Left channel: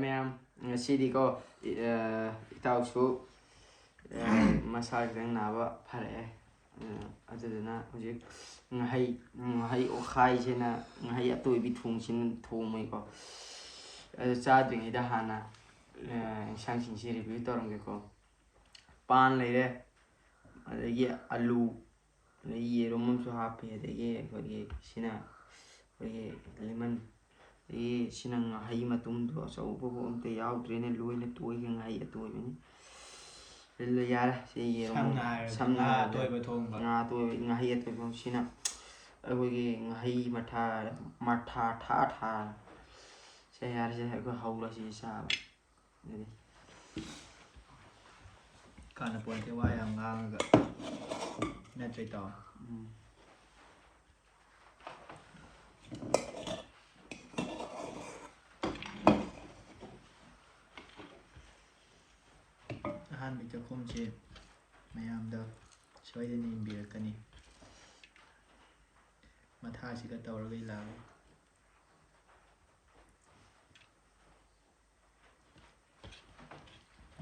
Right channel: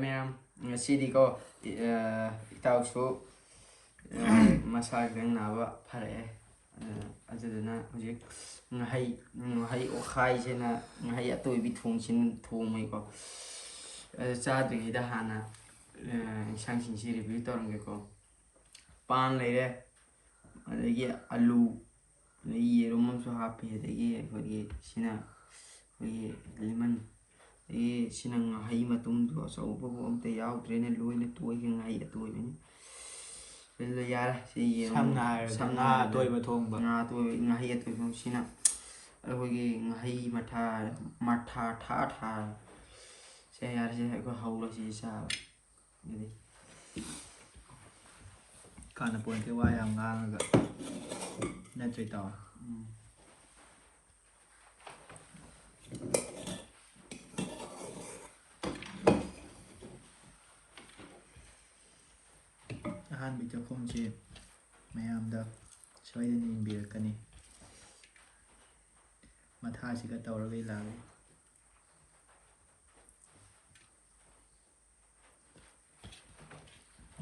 Ma'am, ngasiꯗꯤꯀꯣ ꯏꯇꯥꯎꯁꯨ ꯃꯁꯥ ꯈꯤꯇꯪ ꯅꯥꯕ ꯐꯔꯛꯑꯦ ꯑꯗꯨꯗꯨꯅ ꯍꯧꯖꯤꯛ ꯉꯥꯍꯩ ꯑꯣꯠꯈꯥꯏꯁꯤꯅ ꯉꯥꯍꯩ ꯑꯇꯣꯏꯕꯤ ꯊꯣꯡꯕꯩꯀꯣ ꯑꯗꯨ ꯆꯥꯗ꯭ꯔꯤꯉꯩꯗ ꯍꯥꯟꯅ ꯏꯟꯁꯥꯡꯁꯤꯡꯁꯤ ꯔꯤꯚꯤꯌꯨ ꯇꯧꯔꯝꯒꯦꯀꯣ ꯄꯥꯟ ꯂꯩꯔꯦ ꯑꯗꯒꯤ ꯑꯂꯨ ꯑꯗꯒꯤ ꯌꯦꯔꯨꯝ ꯑꯃꯁꯨ ꯍꯥꯞꯄꯤ ꯑꯗꯒꯤ ꯁꯤꯅ ꯂꯦꯃꯟ ꯑꯗꯒꯤ ꯁꯤꯅ ꯉꯥꯍꯩ ꯃꯇꯨꯝꯗꯣ ꯑꯆꯧꯕꯕꯨ ꯑꯝꯇ ꯌꯥꯎꯗ꯭ꯔꯦꯅꯦ ꯂꯣꯏꯅ ꯇꯣꯏꯈ꯭ꯔꯦ ꯉꯥꯍꯩ ꯑꯇꯣꯏꯕꯅꯤ ꯌꯥꯔꯦ ꯁꯤ ꯌꯦꯔꯨꯝ ꯁꯝꯅ ꯍꯥꯏꯔꯕꯗ ꯉꯥ ꯑꯇꯣꯏꯕ ꯉꯥꯍꯩ ꯑꯇꯣꯏꯕ ꯁꯤꯅ ꯑꯩꯈꯣꯏꯒꯤ ꯉꯥꯍꯩ ꯃꯊꯥ ꯊꯥ ꯁꯦ ꯌꯥꯔꯤꯁꯦ ꯑꯩꯈꯣꯏ ꯍꯧꯔꯁꯤ ꯆꯥꯕ ꯑꯗꯨꯗꯤ ꯀꯥꯟꯅꯄꯣꯟꯇꯦ ꯋꯥ ꯌꯥꯝ ꯉꯥꯡꯉꯒ ꯅꯠꯇ꯭ꯔꯦ ꯇꯥꯎ ꯑꯍꯥꯟꯕ ꯆꯥꯛꯈꯨꯝꯁꯤ ꯃꯌꯥꯝꯗ ꯁꯣꯏꯗꯅ ꯌꯦꯡꯕꯤꯔꯛꯀꯅꯤ ꯃꯊꯥꯁꯤꯒ ꯇꯧꯔꯒ ꯂꯥꯛꯏ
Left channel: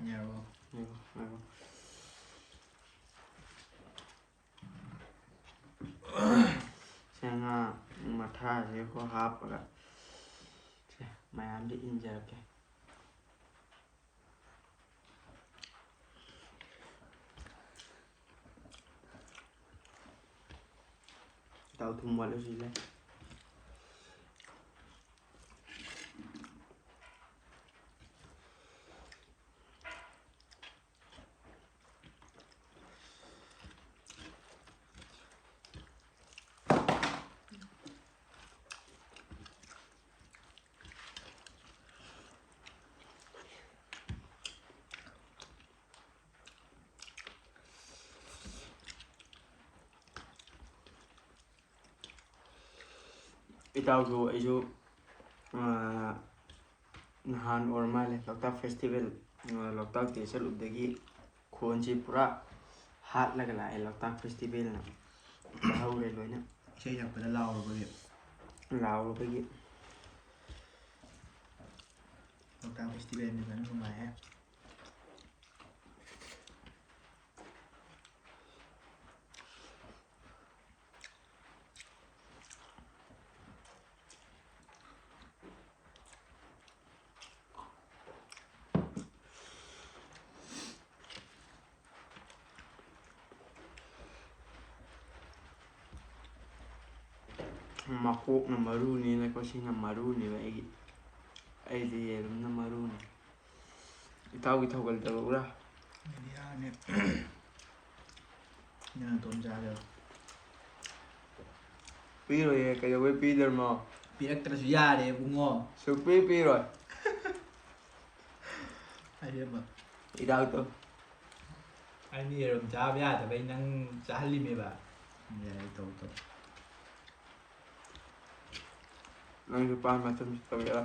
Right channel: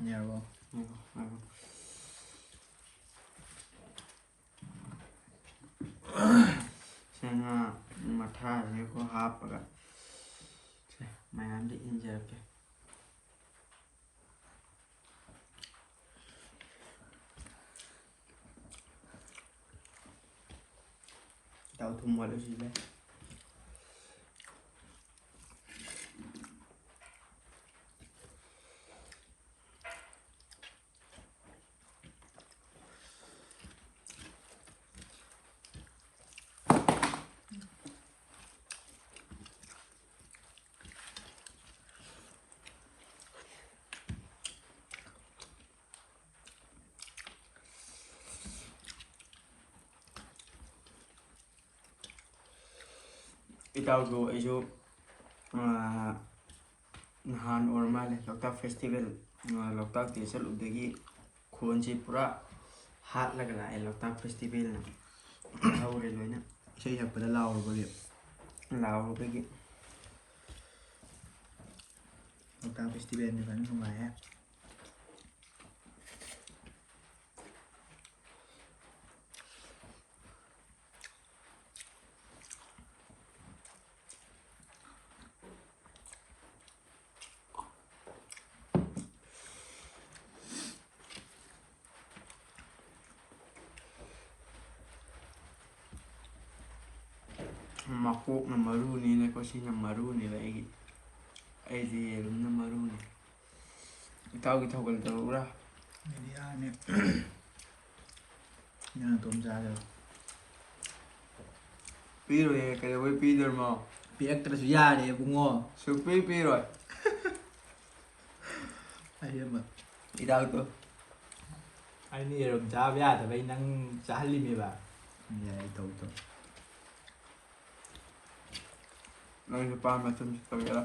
ꯌꯥꯔꯕꯣ ꯉꯥ ꯃꯊꯥꯁꯤꯀꯣ ꯍꯥꯞꯄꯒ ꯃꯌꯥꯝꯗ ꯏꯟꯖꯔꯛꯀꯦ ꯇꯥꯎ ꯊꯨꯝ ꯋꯥꯠꯂꯨꯁꯤꯁꯦ ꯏꯇꯥꯎꯁꯨ ꯑꯩꯁꯨ ꯅꯍꯥꯟ ꯑꯣꯏꯔ ꯃꯥꯜꯂꯦ ꯂꯣꯛꯇꯥꯛ ꯐꯦꯁꯇꯤꯚꯦꯜ ꯂꯣꯛꯇꯥꯛ ꯗꯦ ꯆꯠꯂꯨꯕꯗꯒꯤ ꯈꯣꯟꯁꯤ ꯄꯨꯔꯥ ꯍꯥꯠꯂꯒ ꯂꯥꯛꯑꯦ ꯂꯣꯛꯇꯥꯛ ꯐꯦꯁꯇꯤꯚꯦꯜꯅ ꯍꯧꯔꯦ ꯂꯣꯏꯅ ꯏꯁꯩ ꯁꯛꯄꯗ ꯂꯥꯎꯔꯨꯕꯒꯤ ꯂꯣꯛꯇꯥꯛ ꯐꯦꯁꯇꯤꯚꯦꯜꯅꯤ ꯐꯖꯅ ꯅꯨꯡꯉꯥꯏꯍꯦ ꯃꯀꯣꯛꯅ ꯃꯔꯨꯅꯤꯅꯀꯣ ꯁꯤꯅ ꯃꯔꯨꯅꯦꯕ ꯑꯩꯗꯤ ꯌꯦꯔꯨꯝꯅ ꯃꯔꯨꯅꯤ ꯏꯇꯥꯎꯒꯤ ꯊꯧꯒꯜ ꯇꯧꯔꯛꯎꯔꯥ ꯑꯩꯗꯤ ꯌꯥꯔꯅꯤ ꯅꯪ ꯅꯇꯣꯝ ꯆꯥꯒꯦꯔꯣ ꯄꯤꯔꯣꯏꯌꯦ ꯀꯩꯗꯧꯕꯩ ꯄꯤꯗꯣꯏꯅꯣ ꯄꯤꯔꯛꯇ꯭ꯔꯁꯨ ꯌꯥꯔꯦ ꯏꯕꯨꯡꯉꯣ ꯁꯨꯛꯄꯤ ꯄꯤꯔꯣꯏ ꯑꯔꯦꯝꯕ ꯏꯇꯥꯎꯗꯣ ꯑꯩꯅ ꯌꯦꯔꯨꯝ ꯆꯥꯕ ꯌꯥꯗꯕꯩ ꯅꯪ ꯆꯥꯍꯜꯂꯤꯃꯦꯕ ꯌꯥꯏ ꯇꯧ ꯅꯪꯁꯨ ꯄꯥꯟ ꯃꯇꯨꯝ ꯇꯧꯒꯦꯔꯥ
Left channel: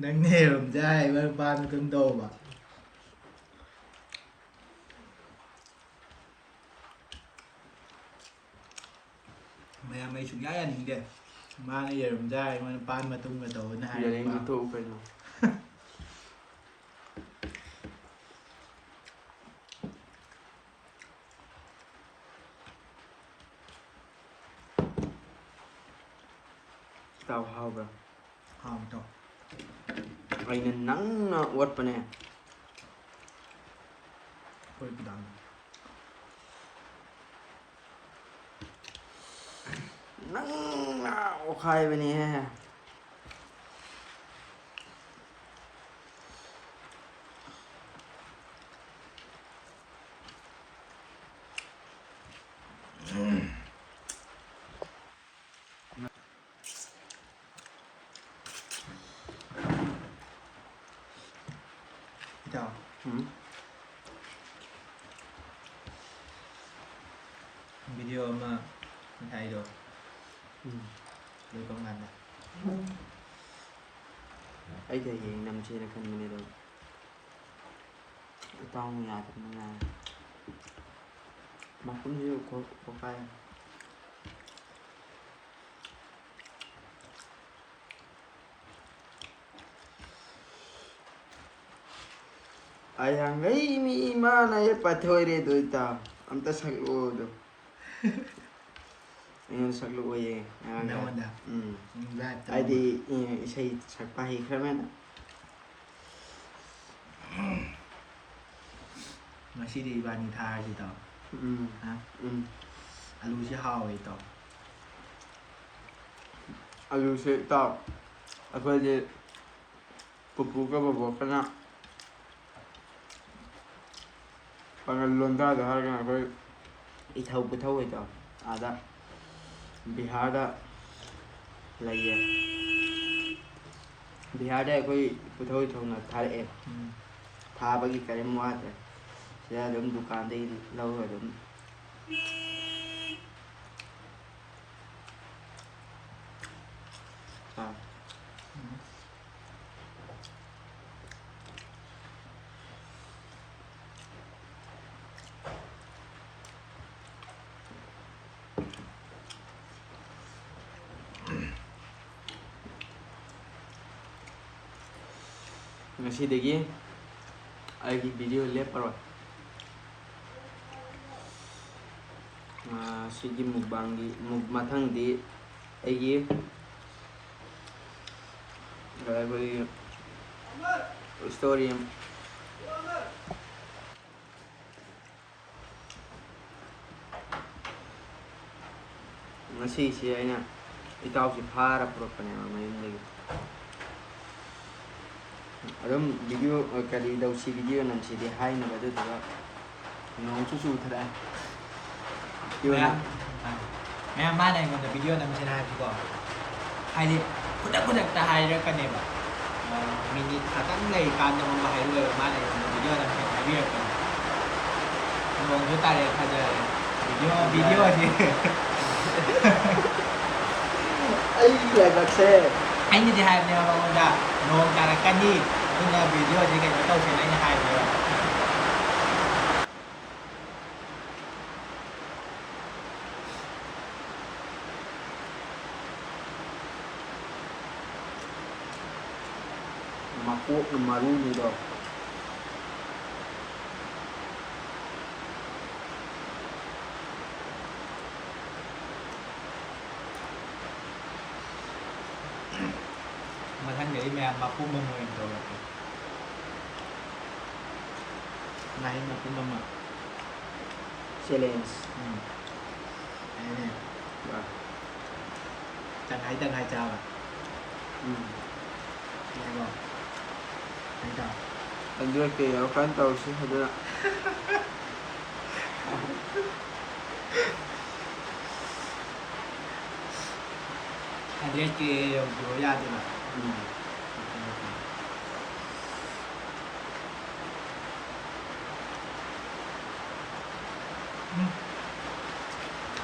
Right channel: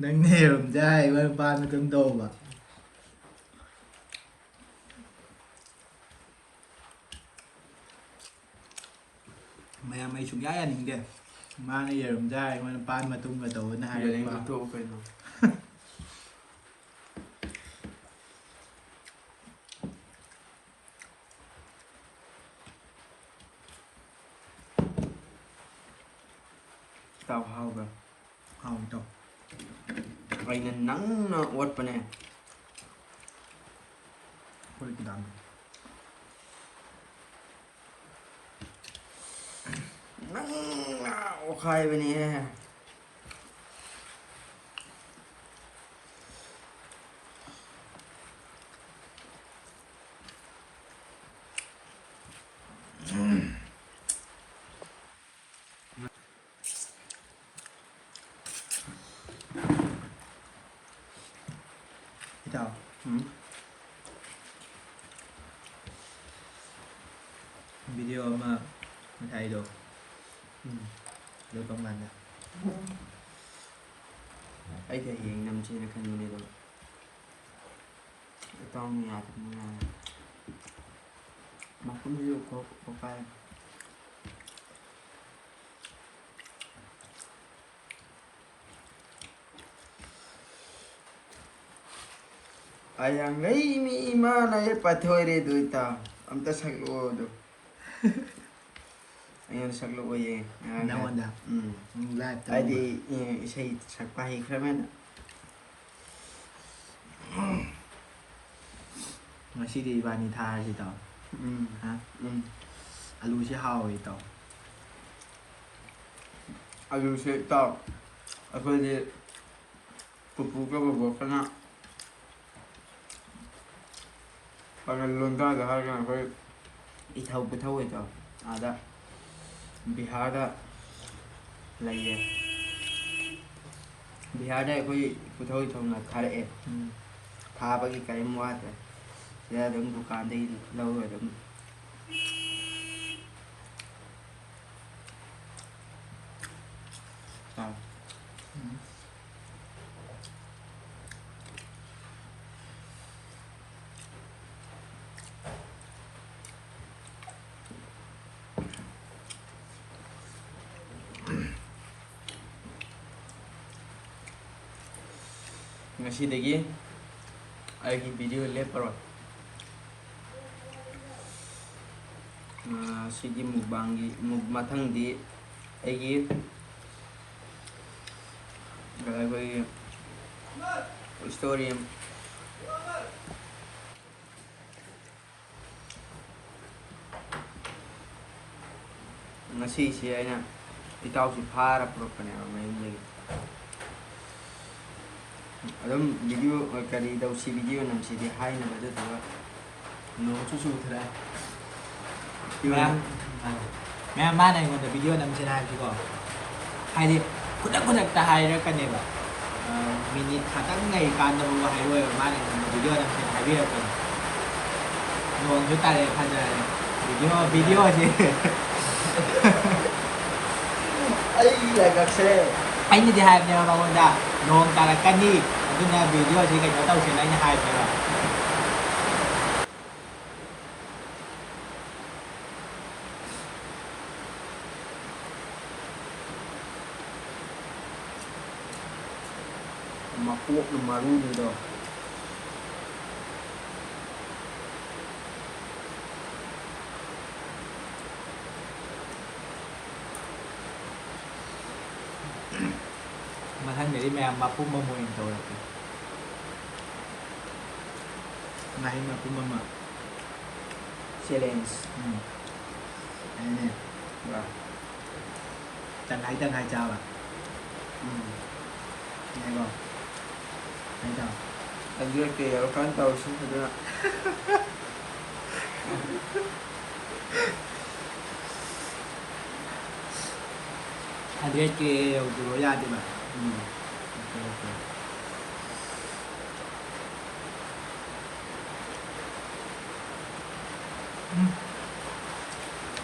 ꯅꯪꯅ ꯌꯦꯔꯨꯝ ꯆꯥ ꯑꯩꯉꯣꯟꯗ ꯄꯥꯟ ꯃꯇꯨꯝ ꯇꯧꯕ ꯃꯌꯥꯝ ꯑꯩ ꯁꯨꯡꯌꯥ ꯌꯥꯅꯤꯡꯗꯦ ꯃꯥꯅ ꯌꯦꯔꯨꯝ ꯆꯥ ꯑꯩꯉꯣꯟꯗ ꯄꯥꯟ ꯃꯇꯨꯝꯒ ꯇꯧꯕꯅ ꯍꯥꯏꯔꯛꯄ ꯌꯥꯅꯤꯡꯗ꯭ꯔ ꯇꯣꯛꯎ ꯀꯩꯅꯣ ꯏꯇꯥꯎ ꯍꯥꯎꯕ꯭ꯔꯥ ꯍꯥꯎꯏ ꯇꯥꯎ ꯑꯩꯅ ꯅꯪꯅ ꯑꯣꯠꯄꯅꯦ ꯍꯣꯏ ꯈꯤꯇꯪ ꯅꯪꯅ ꯑꯣꯠꯈꯥꯏꯕꯅꯦꯍꯦ ꯏꯇꯥꯎ ꯚꯤꯗꯤꯑꯣ ꯑꯃ ꯉꯁꯥꯏꯗꯣ ꯂꯣꯏꯕ ꯀꯥꯟꯗ ꯑꯩꯗꯤ ꯍꯌꯦꯡ ꯅꯝꯁꯦꯅ ꯈꯟꯕꯅꯦ ꯑꯗꯣ ꯏꯇꯥꯎꯅ ꯌꯥꯗꯕꯅꯤꯅ ꯃꯈꯨꯝꯁꯤꯁꯨ ꯈꯣꯛꯈꯥꯏ ꯑꯩꯍꯥꯡꯒꯩ ꯃꯤ ꯏꯃꯥꯅ ꯄꯥꯊꯣꯏꯔꯦ ꯑꯗꯨ ꯏꯇꯥꯎ ꯑꯝꯇ ꯁꯛꯂꯛꯑꯣ ꯑꯗꯣ ꯑꯩꯉꯣꯟꯗ ꯁꯛꯂꯛꯑꯣꯌꯦ ꯅꯉꯣꯟꯗ ꯂꯥꯏꯚꯇ ꯍꯥꯏꯗꯤ ꯏꯁꯩ ꯁꯛꯄ ꯍꯩꯈ꯭ꯔꯃꯦꯅ ꯉꯁꯤꯗꯤ ꯏꯕꯥꯅꯤ ꯊꯥꯔꯁꯤ ꯇꯥꯎ ꯍꯥ ꯑꯂꯨꯁꯤ ꯍꯥꯎꯋꯦ ꯇꯥꯎ ꯑꯂꯨꯁꯦ ꯏꯇꯥꯎ ꯑꯩꯈꯣꯏꯗꯤ ꯄꯨꯄꯨꯒ ꯕꯣꯕꯣꯛꯀꯅ ꯄꯥꯉꯜ ꯂꯣꯟꯗꯥꯗ ꯍꯥꯏꯔꯒꯅ ꯑꯩꯈꯣꯏ ꯏꯊꯧ ꯄꯨꯊꯧ ꯏꯇꯥꯎ ꯑꯥꯗ ꯕꯤꯍꯥꯔꯗ ꯂꯩꯌꯦ ꯕꯤꯍꯥꯔꯗ ꯑꯩꯈꯣꯏ ꯄꯨꯊꯧ ꯏꯊꯧꯅ ꯊꯥꯔꯛꯑꯦ ꯊꯥꯕꯒꯤ ꯀꯔꯤꯝ ꯋꯥꯗ꯭ꯔꯦ ꯁꯤꯗ ꯑꯗꯨꯝ ꯗꯨꯀꯥꯟꯗꯒꯤ ꯂꯧꯔꯒ ꯑꯗꯨꯝ ꯉꯁꯤꯗꯒꯤ ꯑꯩꯒꯤ ꯚꯤꯗꯤꯑꯣ ꯂꯦꯞꯄꯔꯣꯏ ꯁꯤꯒꯤ ꯃꯨꯛꯕꯥꯡꯒꯤ ꯃꯊꯪꯗꯤ ꯑꯩꯒꯤ ꯑꯩꯈꯣꯏꯒꯤ ꯏꯁꯇꯣꯔꯤ ꯉꯁꯤꯁꯤ ꯑꯩꯅ ꯏꯇꯥꯎꯁꯤ ꯐꯥꯔ ꯄꯨꯔꯛꯄꯅꯦꯕ ꯃꯌꯨꯝꯗꯒꯤ ꯑꯗꯨꯝ ꯚꯤꯗꯤꯑꯣ ꯀꯔꯤ ꯇꯧꯁꯤ ꯚꯤꯗꯤꯑꯣ ꯅꯝꯁꯤꯗꯤ ꯍꯥꯏꯅꯕ ꯑꯗꯨꯗꯨꯒ ꯅꯣꯡꯁꯨ ꯆꯨꯊꯔꯛꯑꯦ ꯃꯌꯥꯝ ꯃꯥꯅ ꯑꯩꯉꯣꯟꯗ ꯚꯤꯗꯤꯑꯣ ꯅꯝꯁꯤꯅ ꯍꯥꯏꯕꯁꯤꯀꯣ ꯍꯥꯏꯗꯤ ꯈꯨꯗꯛꯇ ꯍꯥꯏꯔꯛꯀꯅꯦꯕ ꯃꯤꯅꯤꯠ ꯈꯛꯇꯪ ꯂꯩꯔꯤꯀꯥꯟꯗꯕꯨ ꯍꯥꯏꯔꯣꯏꯕ ꯃꯥꯅ ꯑꯩꯉꯣꯟꯗ ꯚꯤꯗꯤꯑꯣ ꯅꯝꯁꯤꯅ ꯍꯥꯏꯕꯤꯔꯛꯄꯅꯦ ꯅꯣꯡꯁꯨ ꯇꯥꯔꯛꯑꯦ ꯐꯖꯔꯦ ꯚꯤꯗꯤꯑꯣꯁꯤ ꯑꯩꯒꯤ ꯂꯥꯏꯕꯛꯁꯦ ꯑꯩꯅꯗꯤ ꯍꯥꯏꯕꯅꯦꯕ ꯃꯉꯣꯟꯗ ꯅꯣꯡ ꯇꯥꯔꯛꯀꯅꯤ ꯑꯗꯨꯅ ꯚꯤꯗꯤꯑꯣꯁꯤ ꯀꯩꯅꯣ ꯇꯧꯁꯦꯅ ꯑꯩꯅ ꯍꯥꯏꯕꯅꯦꯕ ꯃꯀꯣꯛꯅ ꯃꯔꯨꯅꯤꯗꯣ ꯃꯊꯪꯗꯗꯤ ꯃꯌꯥꯝ ꯃꯄꯨꯝ ꯑꯃ ꯑꯣꯏꯅ ꯇꯧꯔꯛꯀꯦ ꯉꯥꯍꯩ ꯃꯄꯨꯝ ꯑꯃ ꯆꯦꯂꯦꯟꯖ ꯑꯩꯅꯦ ꯇꯪꯈꯥꯏ ꯆꯥꯕ ꯌꯥꯏꯀꯣ ꯍꯥꯏꯗꯣ 100K ꯌꯧꯔꯀꯥꯟ ꯇꯧꯔꯁꯤ ꯑꯗꯨꯅ 100K ꯌꯧꯗ꯭ꯔꯤꯕ ꯌꯥꯗꯦꯕ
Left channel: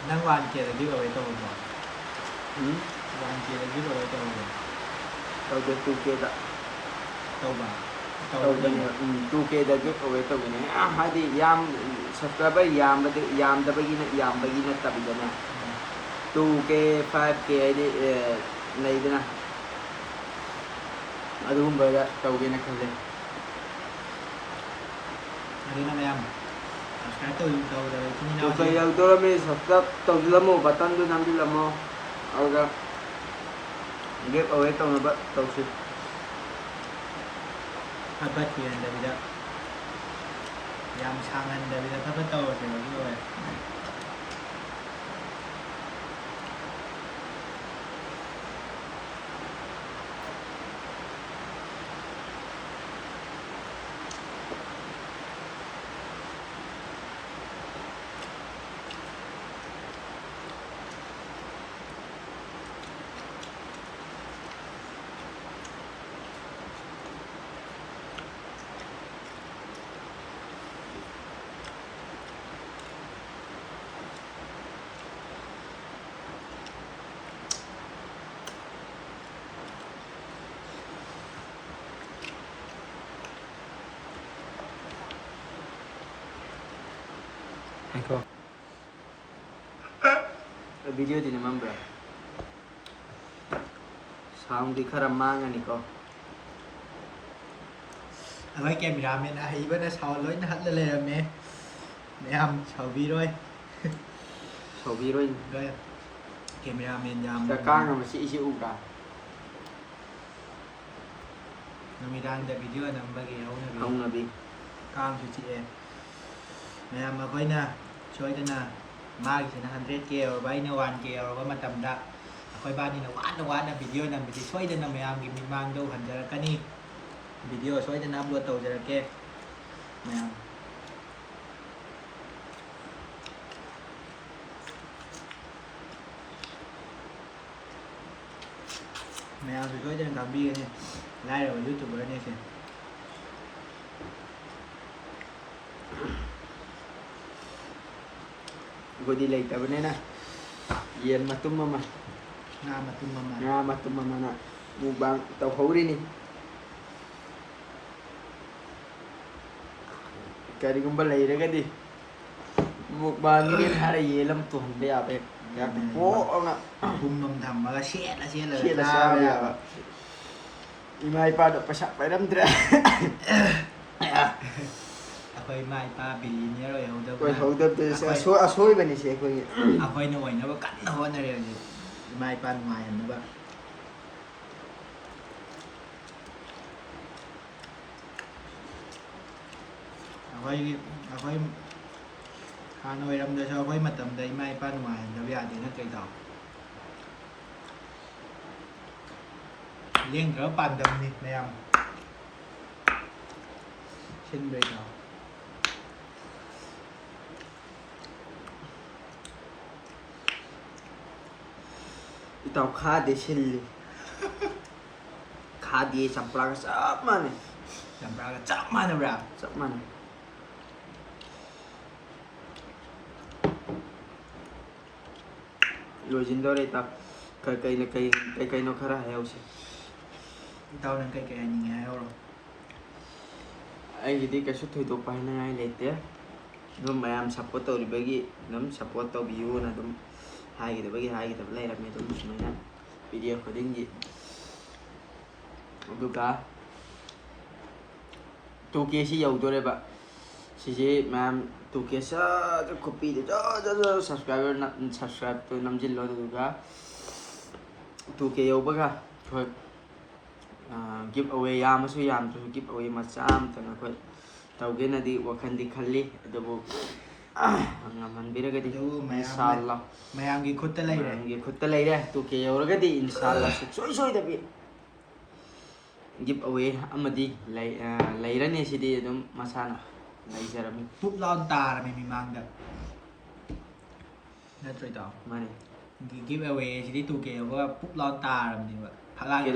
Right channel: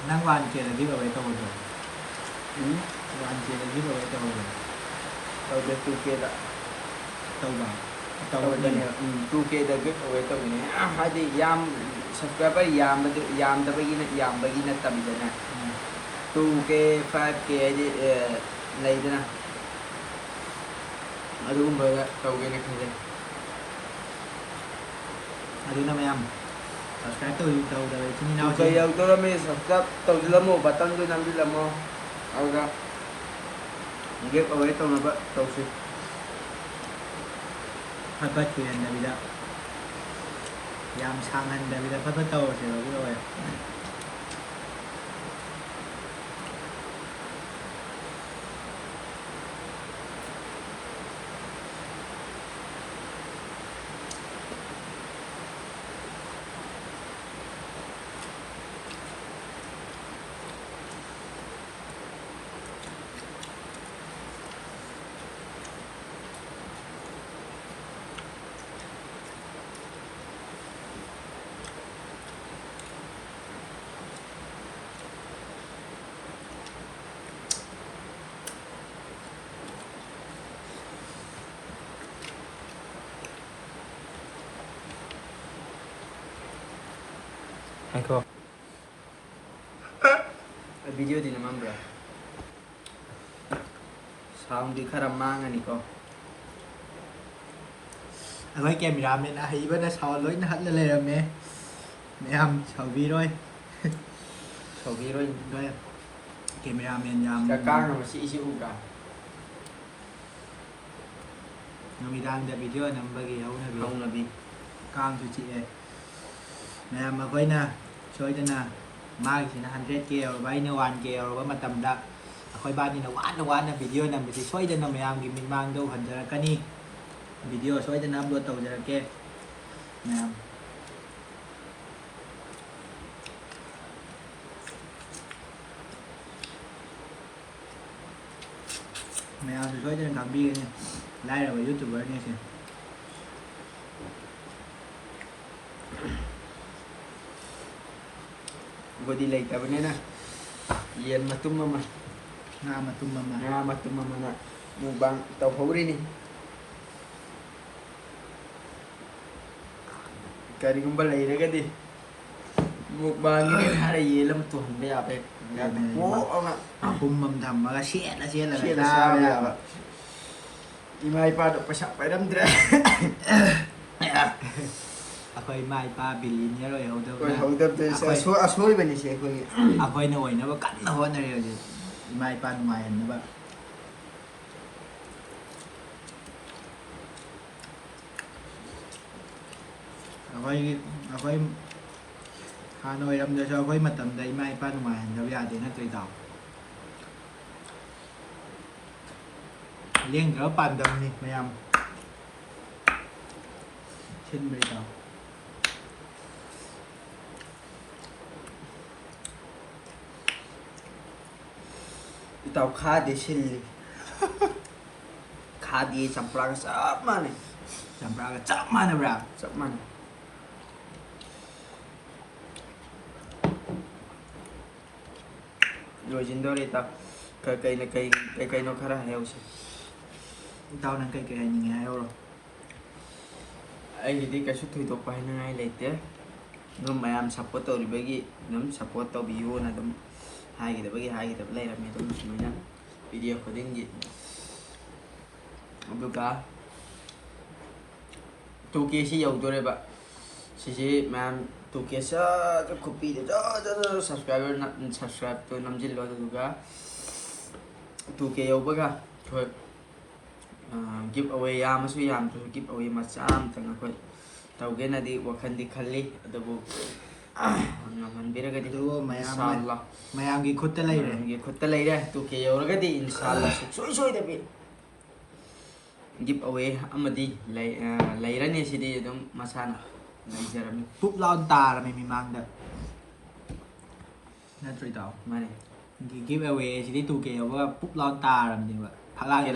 ꯅꯪ 1Kꯗ ꯒꯤꯚ ꯑꯋꯦ ꯇꯧꯍꯧꯗ꯭ꯔꯣ 1Kꯗ ꯒꯤꯚ ꯑꯋꯦ ꯇꯧꯍꯧꯗ꯭ꯔꯣ ꯇꯧꯗꯦ 2Kꯗ ꯇꯧꯕ ꯇꯧꯕꯅꯦ 2Kꯗ ꯒꯤꯚ ꯑꯋꯦ ꯇꯧꯕꯅꯦ ꯍꯥꯏꯗꯤ ꯌꯥꯝ ꯁꯕꯁꯀ꯭ꯔꯥꯏꯕꯔ ꯌꯥꯝꯕꯒꯤ ꯅꯠꯇꯕꯤꯗꯅꯦ 2K 5K ꯍꯥꯏꯗꯤ ꯂꯩꯗꯅ ꯑꯗꯨꯒꯨꯝꯕꯗ ꯇꯧꯒꯦꯅ ꯈꯜꯂꯦ ꯑꯗꯨꯅ ꯃꯌꯥꯝ ꯁꯕꯁꯀ꯭ꯔꯥꯏꯕ ꯇꯧꯗꯕ ꯏꯆꯤꯟ 2K ꯏꯅꯥꯎꯁꯤꯡ ꯌꯧꯗꯣꯔꯝꯃꯤ ꯁꯕꯁꯀ꯭ꯔꯥꯏꯕ ꯇꯧꯁꯤꯜꯂꯝꯃꯣ ꯕꯇꯟꯗꯨ ꯅꯝꯁꯤꯜꯂꯝꯃꯣ ꯑꯗꯨꯒ ꯒꯤꯚ ꯑꯋꯦ ꯇꯧꯅꯕ ꯇꯧꯁꯤ ꯐꯠ ꯐꯠ ꯀꯨꯏꯍꯟꯗꯕꯤꯗ ꯌꯥꯝ ꯁꯥꯡꯍꯟꯗꯕꯤꯗ ꯐꯠ ꯐꯠ ꯇꯧꯔꯁꯦꯕ ꯒꯤꯚ ꯑꯋꯦ ꯉꯥꯏꯈꯣ ꯚꯤꯗꯤꯑꯣꯗꯤ ꯅꯝꯃꯝꯕ꯭ꯔꯥ ꯁꯥꯎꯟꯗꯤ ꯈꯔ ꯃꯥꯡꯉꯅꯤꯀꯣ Với cameraman hay với nó sau lối nó hết lên mẹ em sau vi rồi Khẩu vị rồi rồi cameraman làm cả càng mà sĩ ủ cả nó mi đang để video nằm bagi không là bị càng cho chị em mẹ em mà coi nè chơi thế nè mai chỉ là 100k rồi bay nó 1k rồi với mà tầm đã coi ba đi nó quán là video nằm bị xoay đến nó mẹ em cái mình mang đâu hình ra cái ní video xoay đến upload tàu ra kia mẹ em mèo thì có trên làm bia nha like rồi youtuber nha kìa gue delay ka ba na yan matum mama nga matum mama na mukbang tàu hấu đi nè kariगुम्बा लेरगदी mukbang ni hara yelam tu hande abe ya ko nga mầm thầm mà xe là sao ya imai pa do pasak pa dam dra khơi mai pa bilin nhớ rồi hậu đâm từ soi bên này sẽ khơi khơi nồi nó cắn nó hơn rồi gì mai pa ngoài nữa bạn khơi Hà Nội làm được cho với mặt tầm đấy mai pa ngoài nó bây giờ thì nó tùy tàu liên rỡ bàn đầm đi mày em xin bày tàu tàu khá để xin khá đi chăm pla cái sắp mà này chậm ra cái chậm mà nó ra sắp mà này rồi chính đó đây ta cây nó khá là heo xí tao đang cây nhìn heo rồi ai jadi kasu tu itu pahin ngai lete num ayam support tau dibagi num support tau view na dum hai kita bagi hai kita play ramai dum semuanya video coding gitu aduga tu kia si giàu tôi đây bạn si mà tu kia sa cái copy để đó subscribe tôi 5 lo aduga tu kia giàu bác thôi give away yam su yam to give away macha am tanga ko tawge na di wakhan di khalli adabu ngaman biragadi inshallah mayam gi khutta lay re gi khutta lay re to ke yorgadi inshallah soi da bi give away amadi lay rani sidi dum masana lay jarami pup lon ta là mi mang được na trôi tàu mane gi give away thì tu keว่าpup lon ta làm gì vậyพักล่างแต่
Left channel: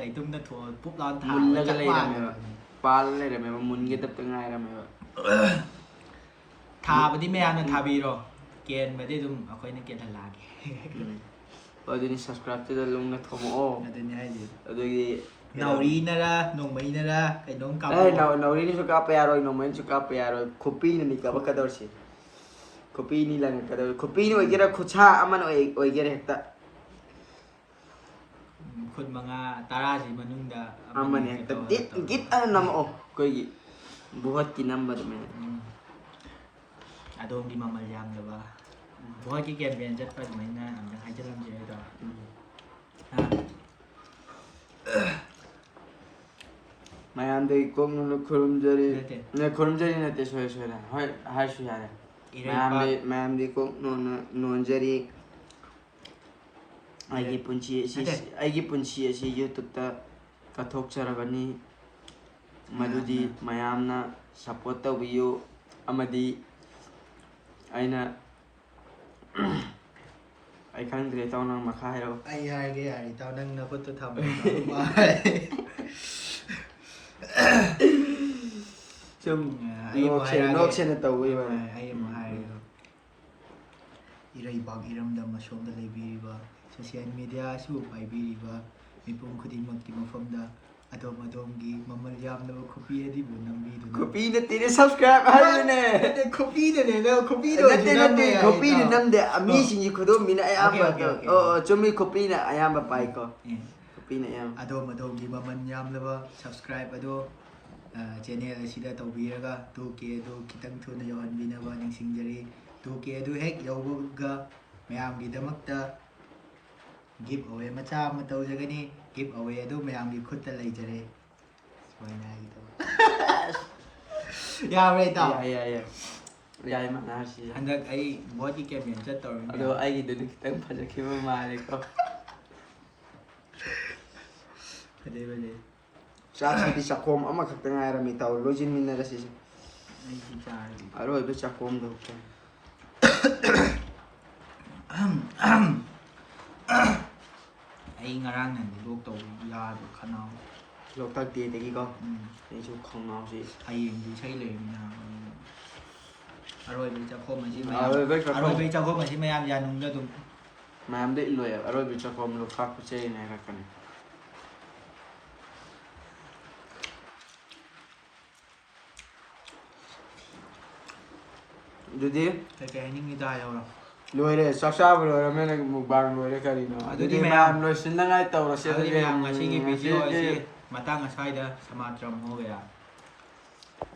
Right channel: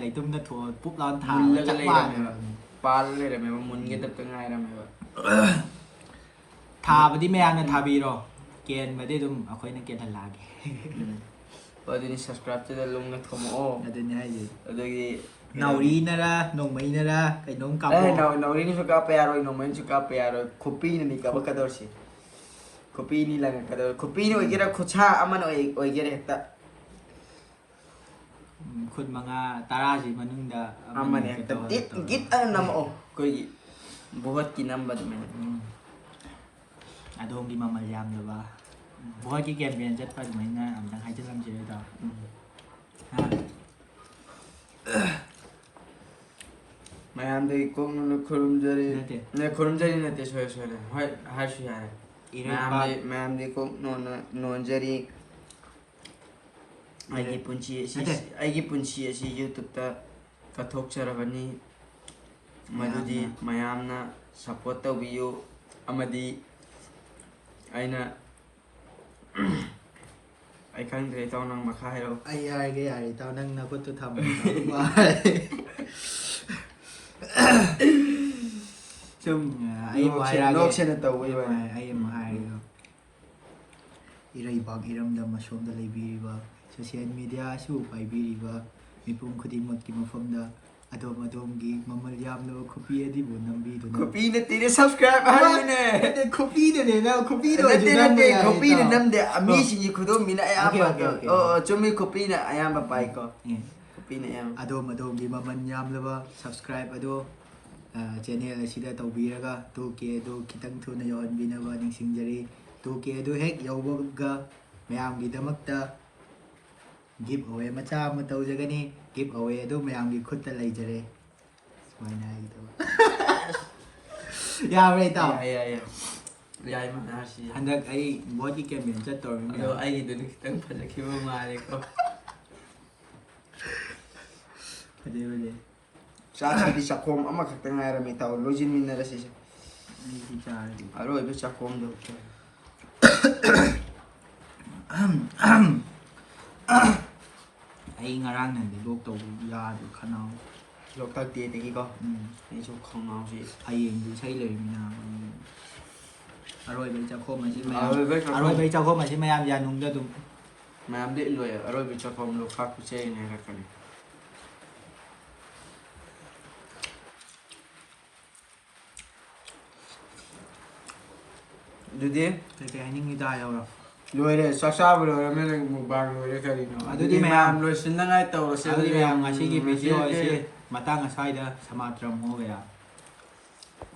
ไหนตุ้มนั่นทัวปุ๊บร้อนถามจักว่า pal le re me mun ge tap tangai ra me ทาไปที่แม่นั่นทาบีรอเกณฑ์ไม่ได้ตุ้มเอาค่อยนั่นเกณฑ์ทันลาแก pwede ni subscribe to the long na thomo o น่าจะง่ายอยู่ adogi เนารีนะล่ะนงไม่นะล่ะไอ้น้องกับ no ini suka pero no men suka pero kopi ni ka bakador si kopi ni lang kador kopi ni ogira khucha aman ogira hekta คนมางาตาราสิมันนึงดา aman hekta git nam o koi buhat kinam bad men อาดงที่มามายังเลยว่าเพราะที่เกมเรียนจัดไปเหมือนน่ะยังให้จัดลำเจต่อฮะ mayam de kong no kurumjari ne kurumjari ne te soy na ha shu ya mayam de kong no jari aigi punchi si youtube ta kathok charabani madudi mayam na support tawiyo amadi aina ai khangdre taw nang makha hero ไอ้แกไอ้ตอนนั้นนะก็จะทำซึ่งไอ้หมาย นกเชนตัวไว้ ไอ้หมายครับอีไรบางอีรำดำมาชมได้เลยบีว่าโซเชียลมีเดียสู้ไปบีว่ามีปุ่มคดีมากี่มาฟังดาอดมกีมามันยามนะว่าคบีดีบุญนำบีตัวนั้น kopi ne tine subscribe ha ne แต่คบีเนี่ยนะคบีด้วย kopi ne namde ami singi khodom mina ayamba chumi kopi na ayamba pai ko kopi ne ayam อดมกีมามันยามเลยว่า subscribe อด channel ꯑꯁꯤꯗ ꯇꯧꯕꯤꯔꯒ 2K ꯑꯗꯨ ꯈꯤꯇꯪ ꯊꯨꯅ ꯌꯧꯍꯟꯕꯤꯅꯕ ꯅꯤꯡꯁꯤꯡꯖꯔꯤ 2K ꯑꯗꯨ ꯍꯦꯛ ꯌꯧꯕꯒ ꯃꯌꯥꯝꯒꯤꯗꯃꯛꯇ ꯒꯤꯞ away ꯃꯆꯥ ꯑꯃ ꯇꯧꯖꯒꯅꯤ ꯒꯤꯞ ꯑꯋꯦ ꯑꯗꯨ ꯃꯌꯥꯝꯒꯤ ꯈꯨꯠꯇ ꯂꯩꯖꯔꯦ ꯁꯨꯃꯥꯏꯅ ꯍꯥꯏꯒꯗꯕ ꯌꯥꯕ꯭ꯔꯥ ꯏꯇꯥꯎ ꯌꯥꯏ ꯃꯅꯥꯁꯤ ꯍꯟꯗꯛ ꯑꯩ ꯕꯣꯠꯀꯤ ꯀꯦꯝꯄꯦꯟ ꯆꯠꯇꯧꯔꯤꯃꯤ ꯑꯗꯣ ꯑꯩꯒꯤꯗꯨꯗꯤ ꯈꯤꯇꯪ ꯐꯖꯈꯤꯕ ꯃꯥꯜꯂꯦꯀꯣ ꯐꯖꯩ ꯆꯥꯛꯁꯤꯗꯤ ꯆꯥꯛꯈꯣꯝ ꯑꯃꯈꯛꯇ ꯉꯥꯏꯔꯝꯃꯤ ꯇꯧ ꯂꯣꯏꯁꯤꯟꯃꯤꯟꯅꯔꯁꯤꯁꯦ ꯑꯩꯁꯤ ꯆꯥꯔꯒꯦ ꯑꯔꯣꯏꯕ ꯆꯥꯛꯈꯣꯝꯗꯣ ꯑꯩ ꯉꯔꯥꯡ ꯅꯍꯥꯟꯗꯤ ꯂꯣꯛ ꯇꯧꯕ ꯌꯥꯗꯦ ꯈꯅꯥꯎ ꯂꯣꯛꯇꯥꯛ ꯗꯦꯗꯒꯤꯀꯣ ꯑꯩꯁꯨ ꯈꯣꯡꯅꯥꯎꯁꯤ ꯍꯌꯦꯡꯗꯤ ꯏꯁꯩ ꯂꯩꯔꯤꯃꯤꯅ ꯑꯔꯣꯏꯕꯩ ꯆꯥꯛꯈꯣꯝ ꯑꯁꯤ ꯑꯔꯣꯏꯕꯩ ꯆꯥꯛꯈꯣꯝ. ꯑꯔꯣꯏꯕꯩ ꯆꯥꯛꯈꯣꯝ ꯑꯁꯤ ꯃꯌꯥꯝ ꯌꯥꯅꯨꯡꯗ ꯑꯗꯨꯝ ꯃꯌꯥꯝꯗꯤ ꯏꯜꯂꯣꯏꯑꯕ ꯑꯔꯣꯏꯕ ꯆꯥꯛꯈꯣꯝ ꯂꯣꯛꯇꯥꯛ ꯄꯨꯆꯩꯅ ꯍꯥꯏꯔꯛꯀꯅꯤ ꯑꯗꯨꯗꯤ ꯀꯩꯀꯩ ꯍꯥꯏꯅꯤꯡꯉꯤꯗ ꯌꯥꯎꯔꯣ ꯂꯣꯏꯔꯦ ꯆꯥꯛ ꯆꯥꯕ ꯂꯣꯏꯔꯕꯅꯤꯅ ꯃꯨꯛꯕꯥꯡ ꯂꯣꯏꯔꯦ ꯀꯔꯤꯅꯣ ꯑꯗꯨꯗꯤ ꯃꯌꯥꯝ ꯂꯣꯏꯁꯤꯟꯅꯉꯥꯏ ꯇꯧꯔꯁꯦ ꯑꯗꯨꯗꯤ ꯃꯌꯥꯝ ꯉꯁꯤꯒꯤ ꯚꯤꯗꯤꯑꯣ ꯉꯁꯤꯗꯤ ꯑꯁꯤ ꯃꯇꯥꯡ ꯑꯁ꯭ꯋꯥꯏꯗ ꯁꯃꯥꯇ꯭ꯔꯝ ꯍꯣꯒꯌꯥ